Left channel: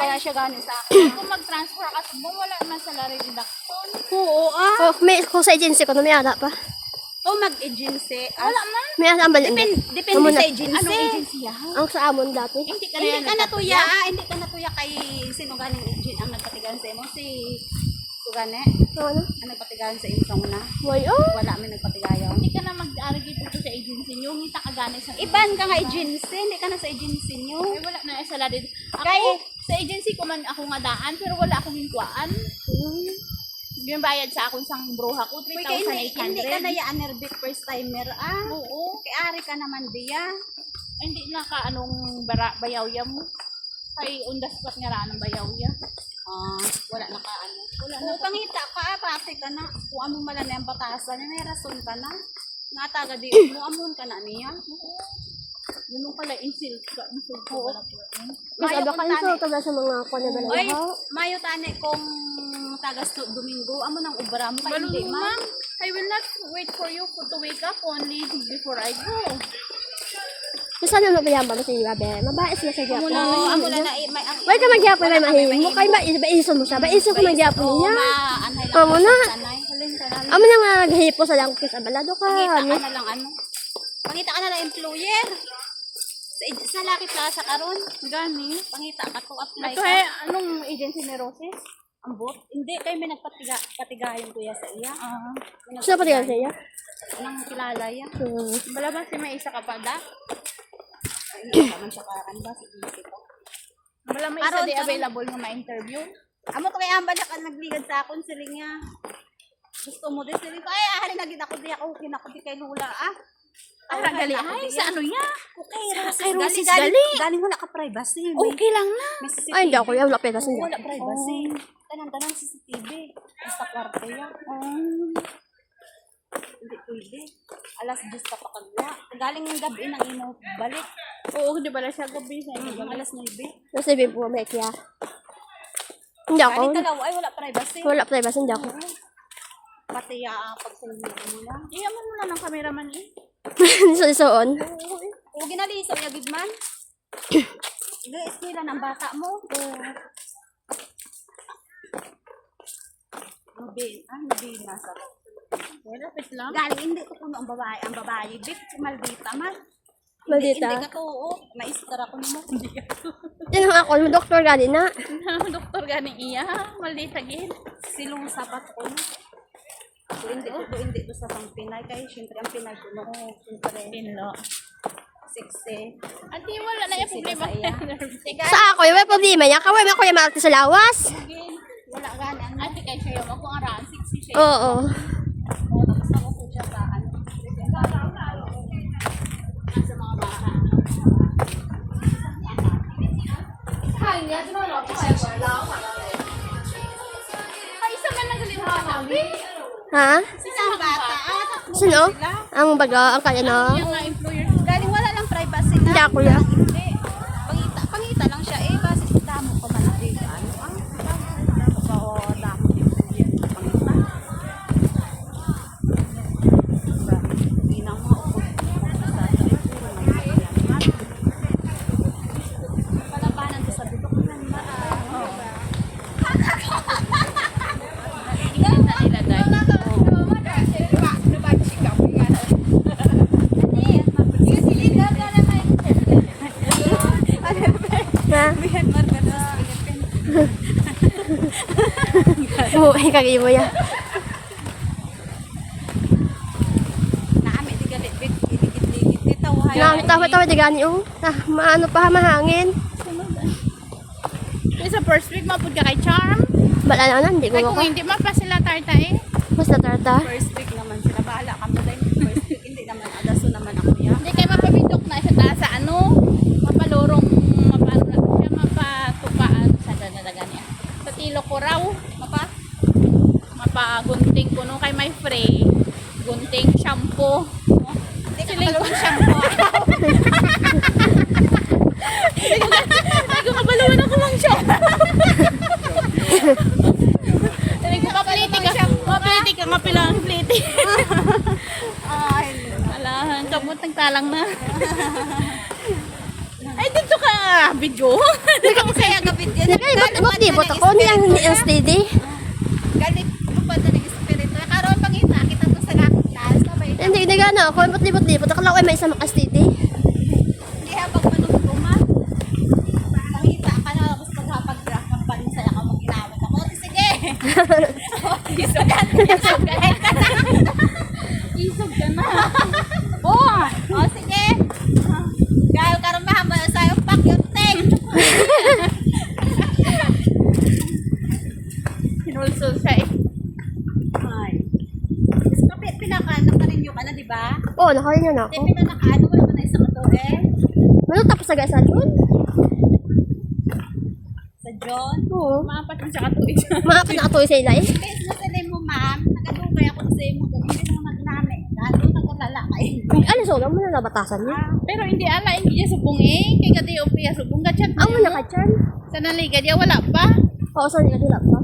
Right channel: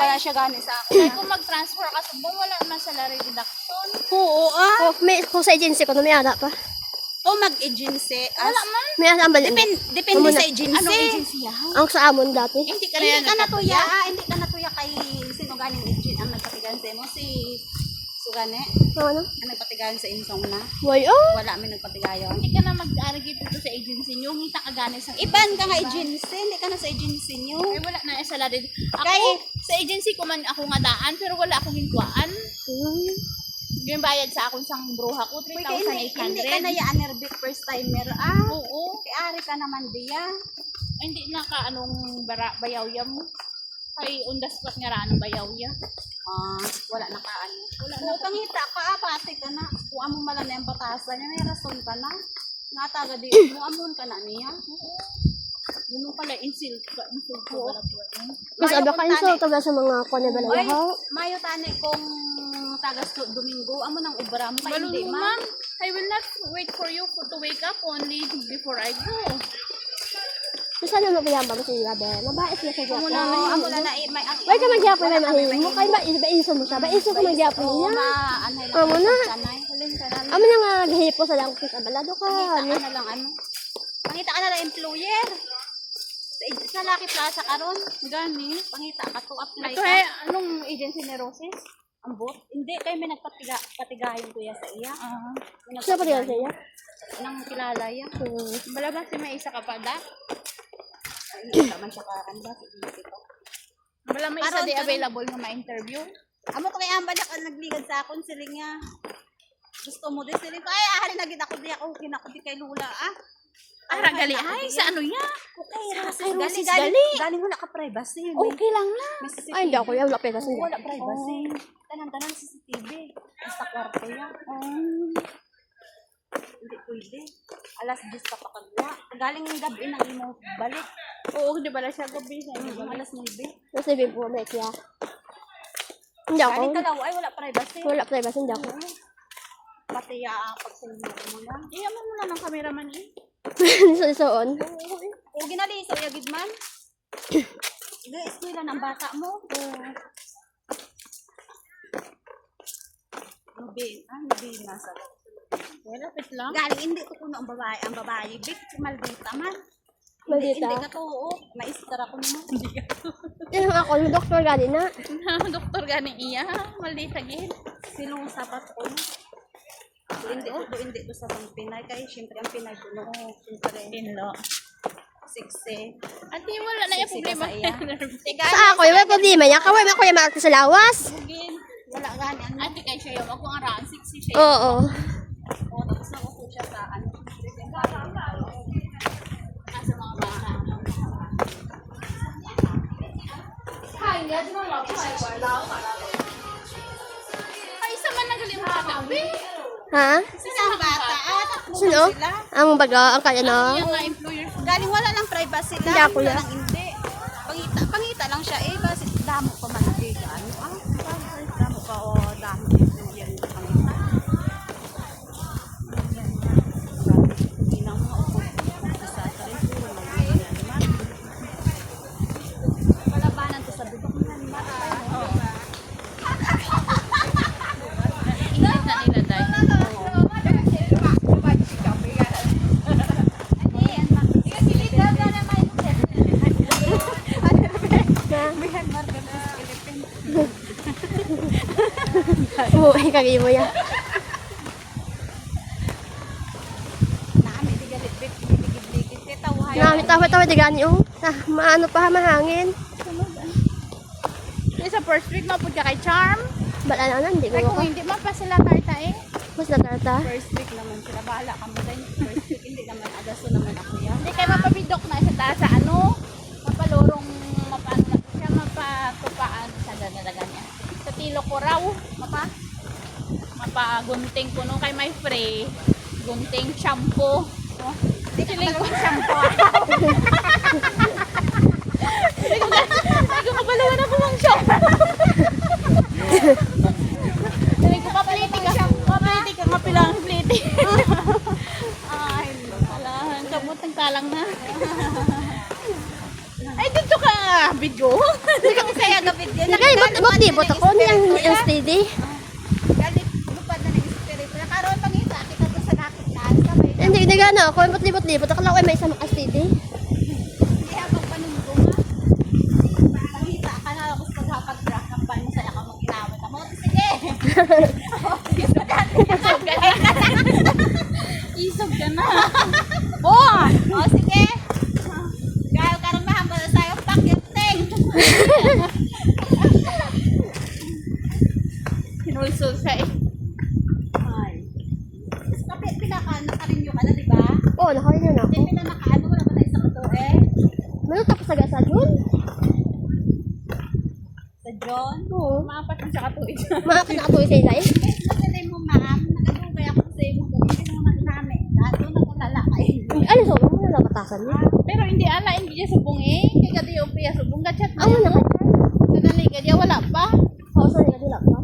bala siya gani sa akin. Kung mag-transfer ka sa mo, wala naman salary deduction. Oo, Kung sa agency ko, may ada pa. O mag-agency. Wala man. May ada ang balin. Depende sa agency. Anong agency yan? Ang sa amon dati. Hindi ka natuya. Hindi ka natuya kay sino ganing agent ang nagpatigahan sa mo. Si Sugane. Ano? Ang nagpatigahan sa insong na. Way, oh. Wala may nagpatigayon. Hindi ka na mag-argue dito sa agency nyo. Ngita ka gani sa Iban ka nga agency. Hindi ka na sa agency nyo. Ay, wala na salary. Ako, Kay- sa agency ko man ako nga daan, pero wala akong hintuan. Yung bayad sa akong sang bruha ko, Uy, kaya hindi ka na 3,800. ya anerbit first timer. Oo. Kay ari ka naman diya. Ay, hindi na ka anong bayawya mo. Kay on the spot nga ra anong bayawya. Wala na ka ano. Oo, pangita pa, pati ka na. Kung amo mala na yung batasan, may rason ka na. Nga taga di mo, amon ka na niya. Yun pala, insult ka. Insult ko. Mas ada ka inso taga sa mga kuan na Oy, balin. mayo tani kung tagas to Domingo, amo nang ubra mo kay hindi man. Ma'am, I will not wait for you to wake up only before I go. Gusto na magayamba mo sa iya, be. Mabais na sa gyapon. Amo na na may ang Way ka magyapon na mahihin mo. Kay maiso mo siya. Maiso ko magyapon niya. anay Amo na. sanay. Halin ka na. Amo na nga gahipo sa lang sa balado ka. Pangita Ano? ka na lang ano. Pangita ka na lang employer. Sa Lucky Plaza karon. Gani. Pangita ka to apply Ito ka. anong agency ni Roses? Ambot. Hindi kay may nagpatigayon kuya sa iya. Gusto pa rin sa iya. Nang kilala ya. Bala ba si may isa ka pa da? Ay, hindi naman siya karan ba si Dito. Bala may isa Aron, di aron. available nga ma-interview? Amo to kay amba na nagligad sa akon siling niya. Gusto mo din siling ko ay ahali na gid ako di ako kinakudi kay Lula Ay, gali. Ay, sa ano ya? Okay, Kay Roses gali. gali. Gali wala ka privacy. Okay lang na. May CCTV. Ay, hindi ako yan. Wala pera sa Wala privacy. Tanang CCTV. Basta kwarto yan. Hindi pwede. Alas 10 pa pakagwa. Galing ng gabi nang imo balik. Oo, di bala siya gabi sa inyo. Alas 9. Nasa ibig po, may kaya. Hindi ako. Galing dalawa ay wala privacy. Wala privacy, hindi ako. Pati pagsulong mo lang. Iyaman mo na ng cameraman eh. Sa isuon. O ginali sa iya gudman. Eskwela ng bata mo. Nubi na sa. Wala, pit lang. Galing hindi ko kuno ang babae bit maldita man. Maldita. Hindi ka to, maistra ko mo. Yan ang ako, yung doktor gani na. Doktor gani iya. Maldita gid. Silong sapat ko. Hindi to sa pang Pinay kay syempre ang Pinay ko no syempre Pinlo. 6 Ante, wala na yung problema. Sa ako, yung may problema niya. Kaway mo ako yung maakto sa lawas. wala gani ang Ante, kay siya yung ako nga raan. 60 siya. Oo. sa ko siya sa ano. Sa mga bahay. Ay, isa man nagaling mo kanabi. Ha? Isang bata Sino? Ang baga, ang kaya na. Yung mga employer. galing wala lang privacy Hindi ako yan. Hindi. Pangita lang siya base sa damo pa man dito. Damo pa damo dito yan pangita. Ginang mga upod sa trip may yan man. Palabanan to sa bibak man. Oo. Ingit na nila dahil. Oo, kagay mo yan. Naami di galit big digit ditaw Tawa-tawa di gani, oh. Maano pa, mahangin. Yung sa first week, mapod ka kay Charm. Bala na, hindi Ay, ko kung ako. hindi pa sila tarta eh. Basta tarta. first week naman sila bahala ka mo rin first week hindi naman adaso naman ako niya. Hindi kayo mapabidok na siya sa ano. Mapalurong, mapatupaan sa ganda niya. Sa tilo ko raw. Mapagunting ko nung kay my free. Gunting shampoo. Hindi ka nagawang shampoo. Ay, gumagalawan ako ng shampoo. Sabi ko, papliti ka, mapilang pliti. Alahan, kabutang talang na. Ay, dito ka, video. Dito ko saya gabit yan. Hindi kayo, ba't libot ako? Hindi ang steady. Galit lupad na ng espiritu. Karoon pangita, kita to sa lahat taas. Kamay. Hindi, hindi gana ako. Ba't libot-libot? Akala ko ay may isang steady. Kaya pag manuntungan, pangita ka na ako sa paghapag-drag ng bansa na ka mag-inawat ako. Sige! Isog ka na. Isog ka na. Oh, oh sige. Kaya karoon mahaba na sa'yo. Pak yung ting. Sinulso siya eh. Ay. Mas kapit, pinakaano ka rin yung ano, di ba? Oo, nakarin na ako. Hindi pinanakaano, wala ka na isang katore. Ano tapos sa gasa dyan? Sa John. Oo. Maapat na siya katuig. Mga pinakatuloy sa ila eh. Yes, nasalim mo ma'am. Nagadugay ako sa iyo mo gabi. Hindi mo magnami. Lalo nagkalalakay. Ano, so lang mo na nabatasan niya. Pero hindi ala, hindi niya subong eh. Kaya kati yung piya subong. Gatchat na Amo yun. na ka dyan. Sa naliga niya, wala pa. Oo, saan nila dila pa?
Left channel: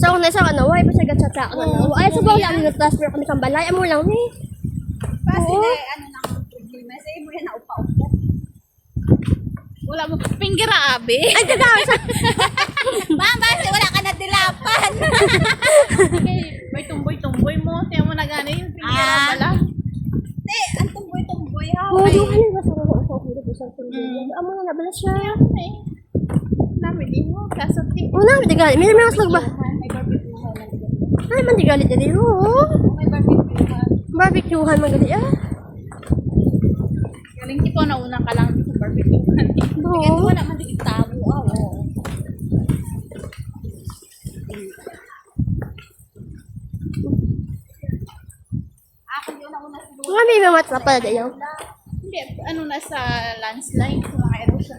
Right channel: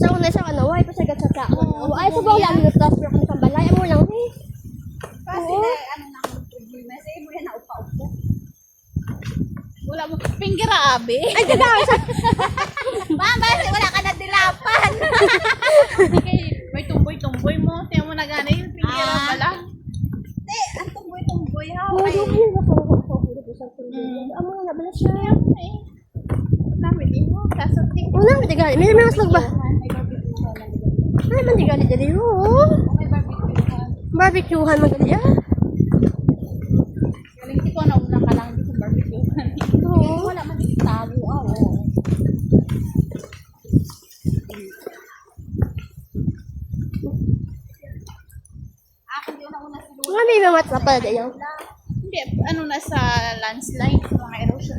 Sa una sa ano, why pa siya gatsa sa ano? Ay, sa bawang namin transfer kami sa balay. Amo lang eh. Kasi Oo. ano nang problema. Sa iyo mo yan naupa-upo. Wala mo. Pingira abi. Ay, gagawin sa... Ma'am, kasi wala ka na dilapan. Kaya may tumboy-tumboy mo. Tiyan mo na gano'n yung pingira Ah. pala. Hindi, ang tumboy-tumboy ha. Oo, di ba yung basta ako sa puro po sa tulog. Amo na nabala siya. Eh. Namin din mo. Kasot eh. Una, di gali. May naman slag ba? May barbecue-han. Ay, man di gali dali. Oo. May barbecue-han. Barbecuehan magali ah. Galing tipo na una ka lang sa barbecue. Sige, Oo. wala man din tabo. Oo. Ako di una-una si Lula. Nga may mamat na pala dayo. Hindi, ano na sa landslide, sa mga erosion.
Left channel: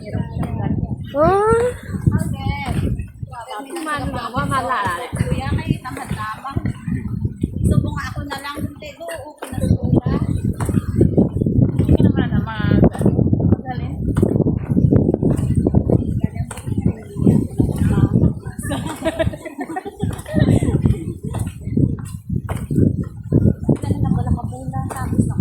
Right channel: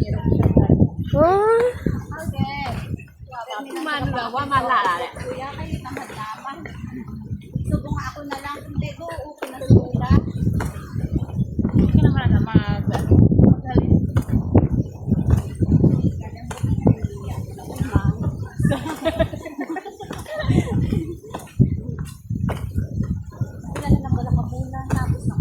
Oh. Okay. Manlawa, malala. Kuya, kayo naman. Subong ako na lang. Hindi, buo ko na Lula. Hindi ka naman na magaling. Yan na wala ka bulan. Tapos na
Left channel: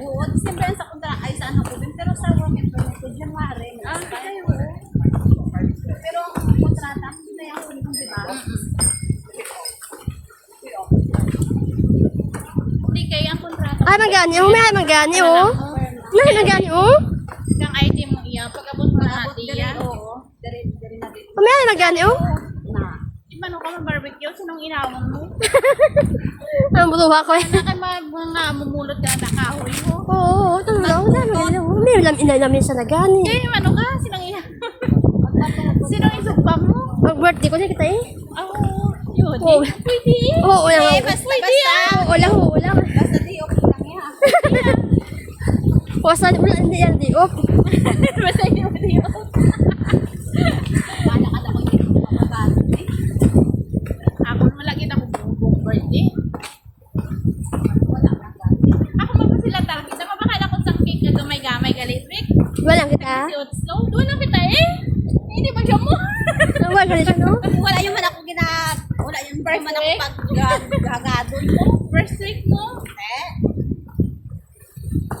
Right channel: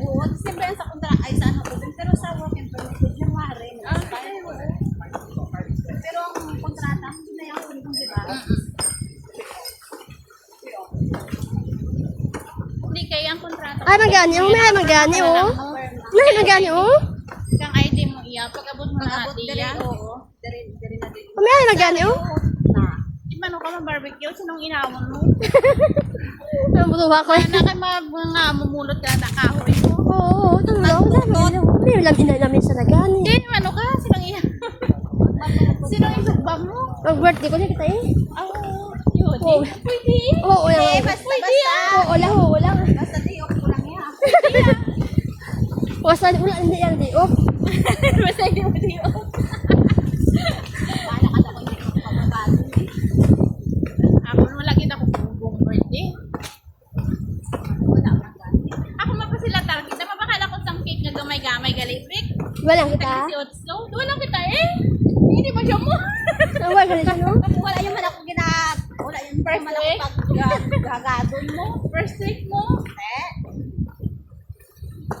oo, December yan sa kontra ay sa ano ko din. Pero sa work and permit ko, January. Pero ang kontrata, hindi na yung ulit di ba? Hindi kaya ang kontrata. Ay, magani. Oh, may magani oh. May magani oh. Kang ID mo iya, pag-abot mo na Pag-abot diri, iya. oo. Diri na din. Oh, may magani oh. Na. Di ba nung ka barbecue, sinong inawan mo? Ang butuha ko. Ano ka mga mumulot ka na kahoy mo? Oo, talo lang. May ulam ina namin sa nagani. Hindi, ano ka? Sinong iya? Sinong isugba mo? Mag-birthday ko na kita eh. Oh, yun. Oo. Pwede eh. Oo, lang. Basta, Oo lang, oo lang. basta di okay lang yan. O, saan wala hindi yan, di. Oh. Basta hindi mo diyo. Wala ka na kung hindi ko mababago eh. Ako naman lagi na kung birthday. Wala kang ganti. Ako man pa sila target. Sama bakala ko sang cake na gamay-gamay galibrik. Walang kita. Si Otso. Wala kita eh. Hindi magyamo. Ang wala siya, no? Wala yung man ako wala yung man ako pag-gagadon mo. First week mo. Eh.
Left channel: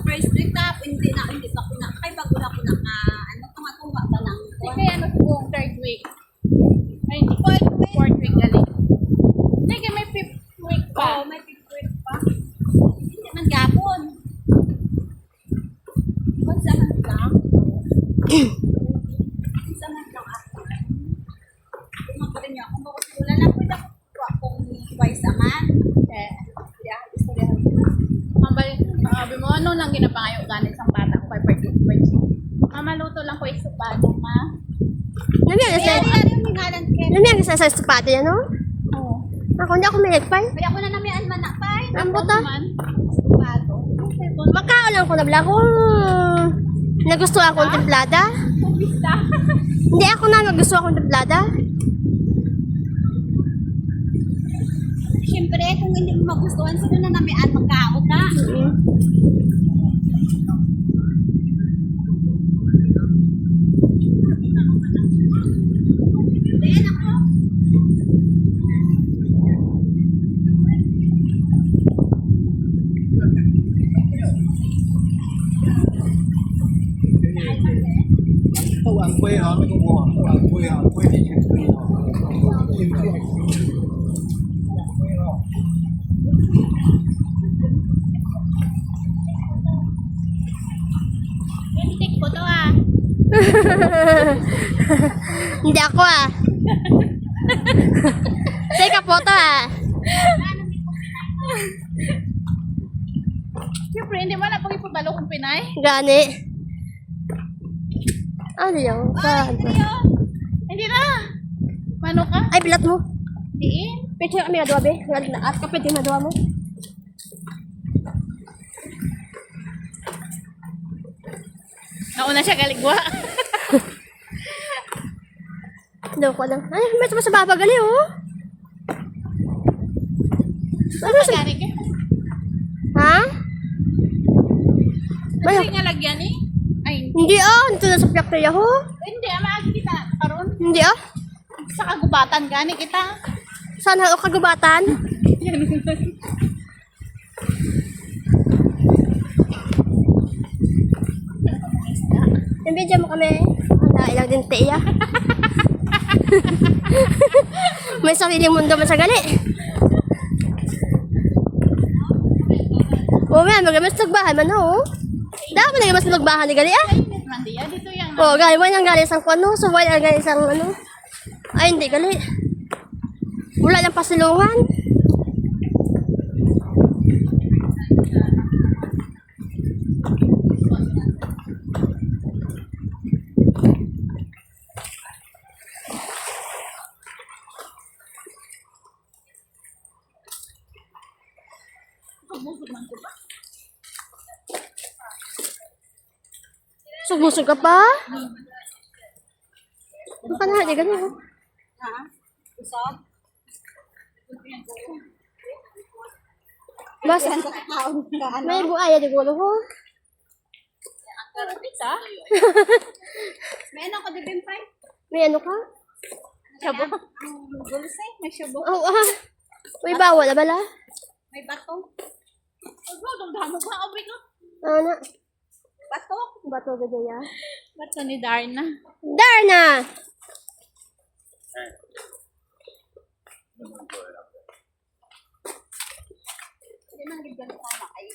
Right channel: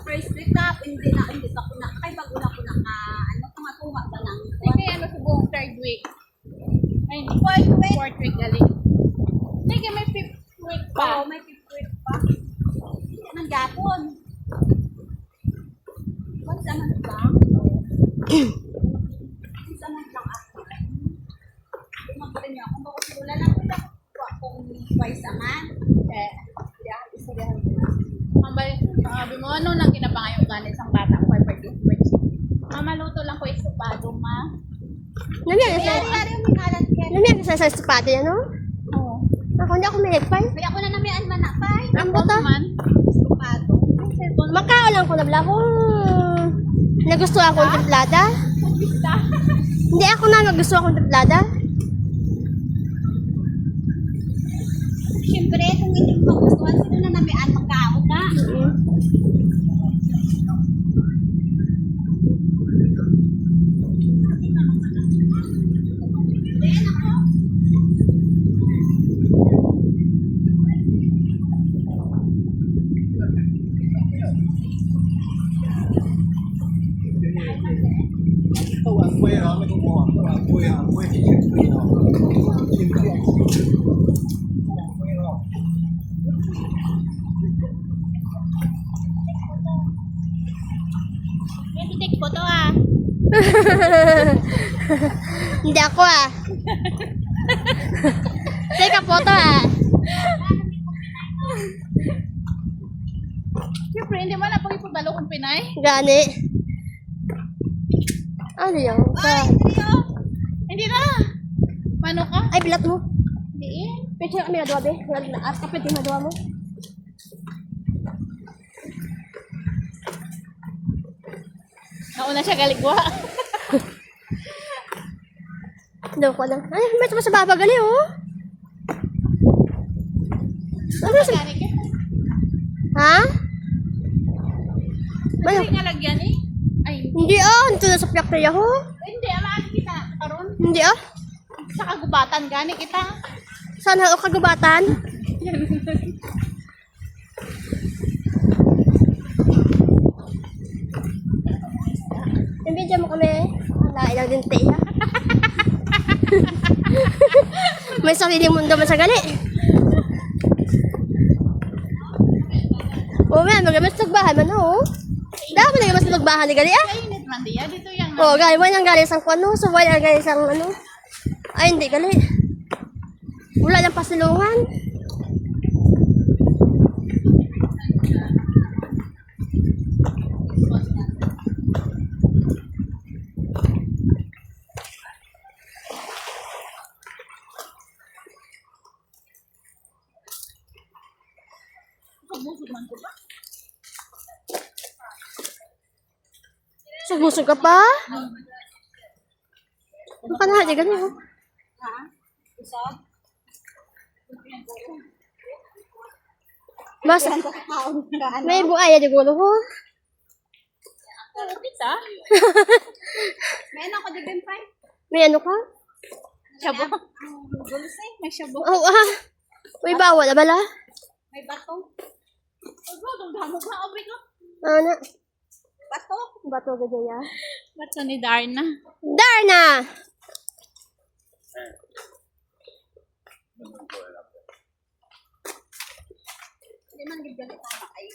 First week na, hindi pa ko na, kay bago na ko na ano, kumatuwa ka lang. Hindi kaya ano siguro third week. Ay, hindi. Fourth week. Fourth week galing. Hindi kaya may fifth week pa. Oo, may fifth week pa. Hindi man gapon. Bansa man lang. Bansa man lang ako. Kumakulit niya, kung bakit wala lang ko na akong twice a month. Eh. Hindi ako istoryahan. Sabi mo, ano nang ginapangayon galing sa bata ko kay birthday. Maluto lang ko isupado, ma. Namiyan Kaya sa... nangyari yung mingalan kaya. Namiyan sa sapato yan, no? Oo. Ako, hindi ako may nagpay. Kaya ako na namian man na, pay. Ang buta. Man. Estupado. Makaalam ko na bla kung nagustuhan akong templada. Bista. Hindi ako na nagustuhan akong templada. Siyempre, kung hindi mo magustuhan, sino na namian magkao ka? 昂贵啊，那个网不昂贵啊，贵一点。 Pwede take photo ah. Hindi ako ah. Teka, photo ah. Siyempre, hindi man na pag ipabalo kong Pinay. Gani. Ano yun? Hindi na. Mano ka? Ay, bilat mo. Diin. Picture kami nga be. Nga na ask kapit yung nagawa mo. Nauna siya galigwa. Daw ko lang. Ay, may tama sa baba gali oh. Ano sa... Gani ka? Ha? Bayo. Hindi nga lagyan eh. Ay, Hindi oh. Ito na sa factory ako. hindi. Amaagi kita. Karoon. Hindi oh. Sa kagubatan gani kita. Sana ako kagubatan. Nabidyo mo kami. Wala, ilang din tiya. May sarili mundo masagali. Oo nga, magamas nagbahan man oh. Dami na gamas nagbahan ni gali ah. Init man diya. Dito yung Oo, gali mo yung gali isang kwano. So, wala ang gali isang ano. Ay, hindi gali. Wala ng pasilungan. Sumusog ka pa? Ano ka na? Di ganyan oh. Mas, may buaya di gulo ko. Isa? May ano ko di bempay? May ano ka? Shabu. Gulos eh. May shabu. Oh, ah. May bawal na bala? May bato. Ano? Damo ba? Abay ko. Ano? Bato. Bato gajaya. Ba't ni Darna? Darna! Hindi man gid ganito na kayo.